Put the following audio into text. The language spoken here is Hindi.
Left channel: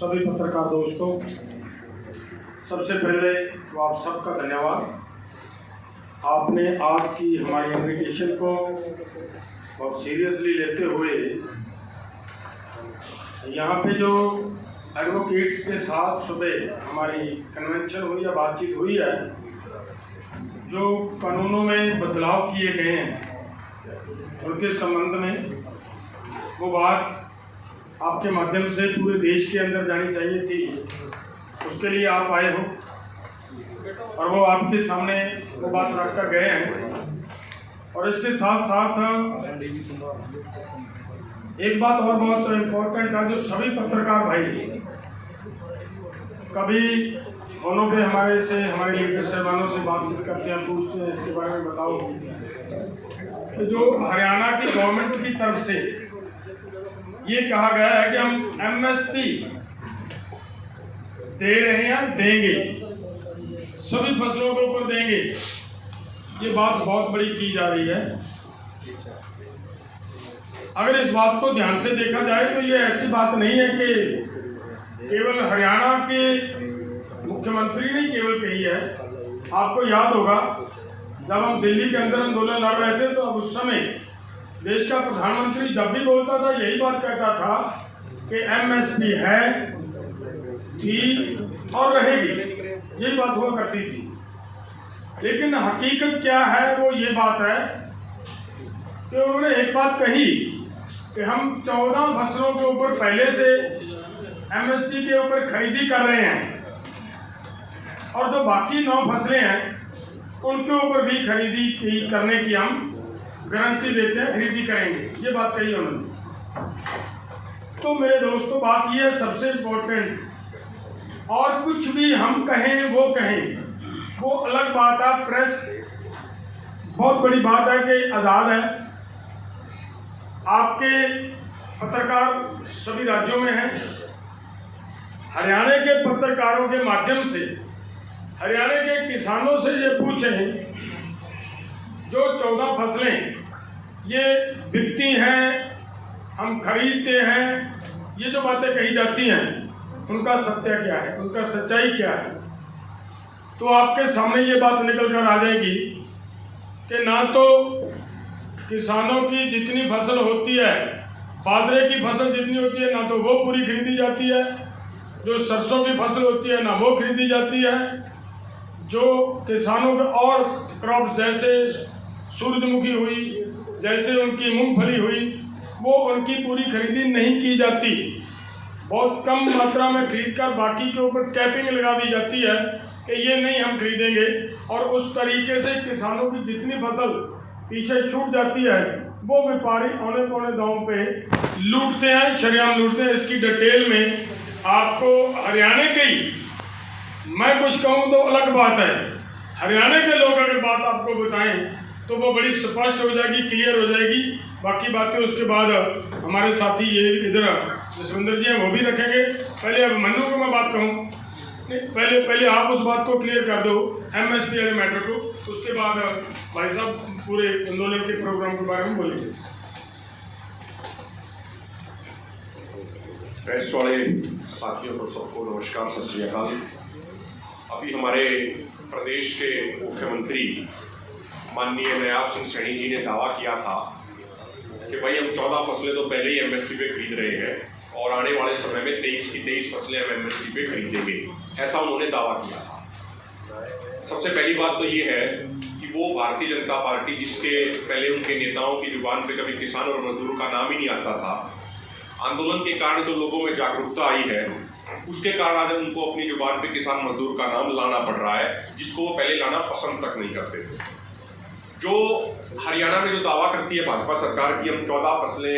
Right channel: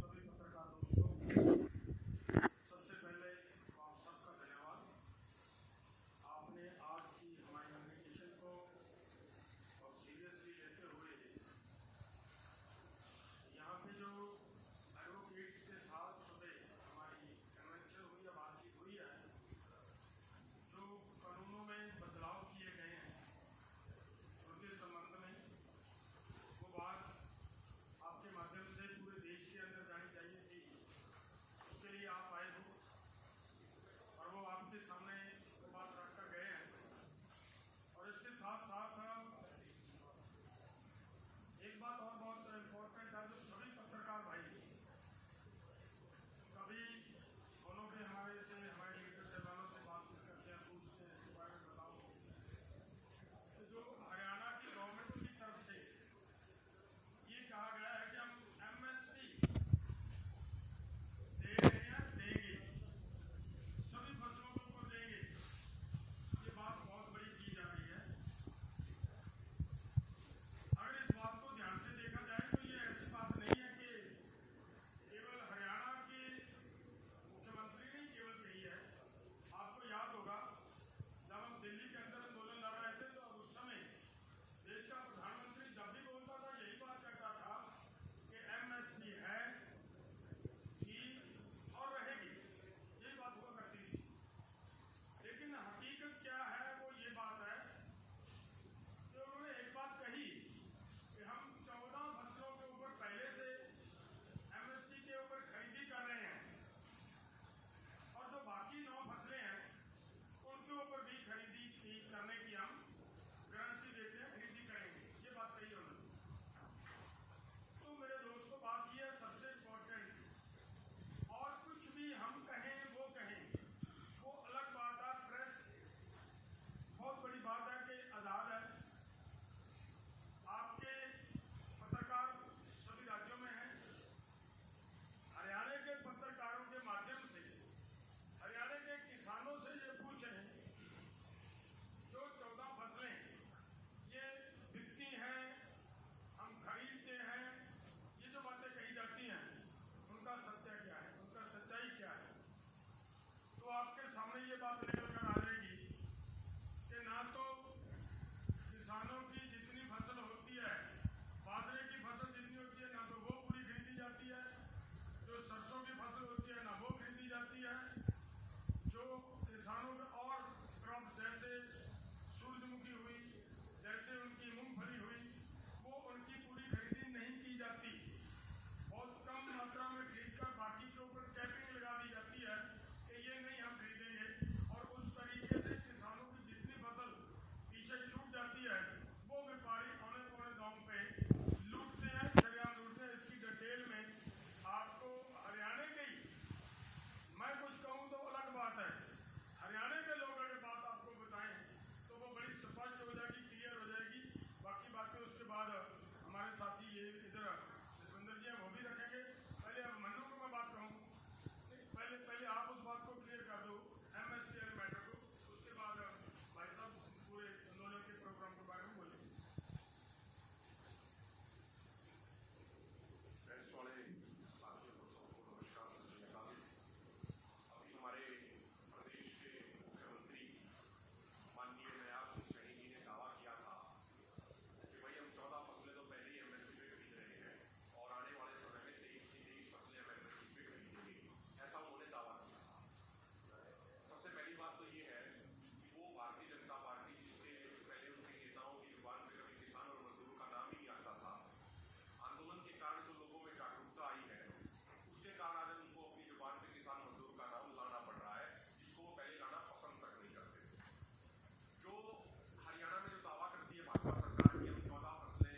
सभी पत्रकार दोस्तों, सबसे पहले तो आप सबका धन्यवाद। आपने आज की हमारी इनविटेशन को बहुत सीरियसली लेते हुए यहाँ पे जो एडवोकेट्स के साथ सुबह हमारी कन्वेंशन हुई या बातचीत हुई है, जो कानूनों में बदलाव किए गए हैं उनके संबंध में वो बात आपके माध्यम से पूरे देश के अंदर जानी चाहिए थी। उसके लिए आप आए हो और वो आपके सामने वो बात रखकर गए हैं। और इसके साथ साथ एक बात और बहुत इम्पोर्टेंट है, जो सभी पत्रकार भाई कभी फोनों पे हमारे लीडर साहबानों से बातचीत करते हैं, पूछते हैं इसके बारे में बताओ कि जो हरियाणा की गवर्नमेंट की तरफ से ये कहा गया है कि हम एमएसपी दे रहे हैं, देंगे, सभी फसलों के ऊपर देंगे। ये बात बहुत बड़ी की जा रही है। अगर इस बात को ध्यान से देखा जाए तो ये ऐसी बात नहीं है कि केवल हरियाणा के मुख्यमंत्री ने केवल कही है। आपको याद होगा जब हम दिल्ली के अंदर आंदोलन लड़ रहे थे तो अब उस समय देश का प्रधानमंत्री जब भी बोलता था यही बात कहता था कि एमएसपी है, थी और रहेगी, यही बात हुआ करती थी। लेकिन हकीकत क्या है, वो ये बात है कि उन्होंने एक बात कही कि हम 14 फसलों के ऊपर पहले से एमएसपी के ऊपर खरीदी कर रहे हैं और जो बाकी 9 फसलें हैं उनके ऊपर भी खरीदी करने की हम गारंटी देते हैं, खरीदी करेंगे, ये बात कही उन्होंने। तो मेरे दोस्तों, बात ये है सबसे इम्पोर्टेंट, और कुछ भी हम कहें वो अलग बात है। प्रेस बहुत बड़ी बात है कि आज़ाद है, आपके पत्रकार सभी राज्यों में हैं। हरियाणा के पत्रकारों के माध्यम से हरियाणा के किसानों से ये पूछें, जो 14 फसलें ये बिकती हैं, हम खरीदते हैं, ये जो बातें कही जाती हैं उनका सत्य क्या है, उनका सच्चाई क्या है। तो आपके सामने ये बात निकल कर आ जाएगी कि ना तो किसानों की जितनी फसल होती है, बाजरे की फसल जितनी होती है, ना तो वो पूरी खरीदी जाती है। जो सरसों की फसल होती है ना वो खरीदी जाती है। जो किसानों के और क्रॉप्स जैसे सूरजमुखी हुई, जैसे उनकी मूंगफली हुई, वो उनकी पूरी खरीदी नहीं की जाती। बहुत कम मात्रा में खरीदकर बाकी के ऊपर कैपिंग लगा दी जाती है कि ये नहीं हम खरीदेंगे, और उस तरीके से किसानों की जितनी फसल पीछे छूट जाती है वो व्यापारी औने पौने दाम पे लूटते हैं, शरेआम लूटते हैं। इसकी डिटेल में आपको हरियाणा के ही मैं कुछ कहूँ तो अलग बात है, हरियाणा के लोग अगर बात आपको बताएं तो वो बड़ी स्पष्ट हो जाएगी, क्लियर हो जाएगी। बाकी बातें उसके बाद हमारे साथी ये इधर जसविंदर जी हैं वो भी रखेंगे। पहले अब मन्नू को मैं बात कहूँ, पहले आप उस बात को क्लियर कर दो, एमएसपी वाले मैटर को, उसके बाद भाई साहब पूरे आंदोलन के प्रोग्राम के बारे में बोलेंगे। प्रेस वाले साथियों को सबको नमस्कार, सत श्री अकाल। अभी हमारे प्रदेश के मुख्यमंत्री माननीय नयाब सिंह सैनी जी ने दावा किया था कि भाई हम 14 फसलें तो पहले ही एमएसपी पे खरीद रहे हैं और आने वाले समय में 23 की 23 फसलें हम एमएसपी पे खरीदेंगे, ऐसा उन्होंने दावा किया था। सबसे पहली बात तो ये है कि वो भारतीय जनता पार्टी, जिसके पहले उनके नेताओं की जुबान पे कभी किसान और मजदूर का नाम ही नहीं आता था, आंदोलन के कारण जो लोगों में जागरूकता आई है उसके कारण आज उनको अपनी जुबान पे किसान मजदूर का नाम लाना पड़ रहा है, जिसको वो पहले लाना पसंद तक नहीं करते थे। जो हरियाणा में जो दावा करती है भाजपा सरकार की हम 14 फसलें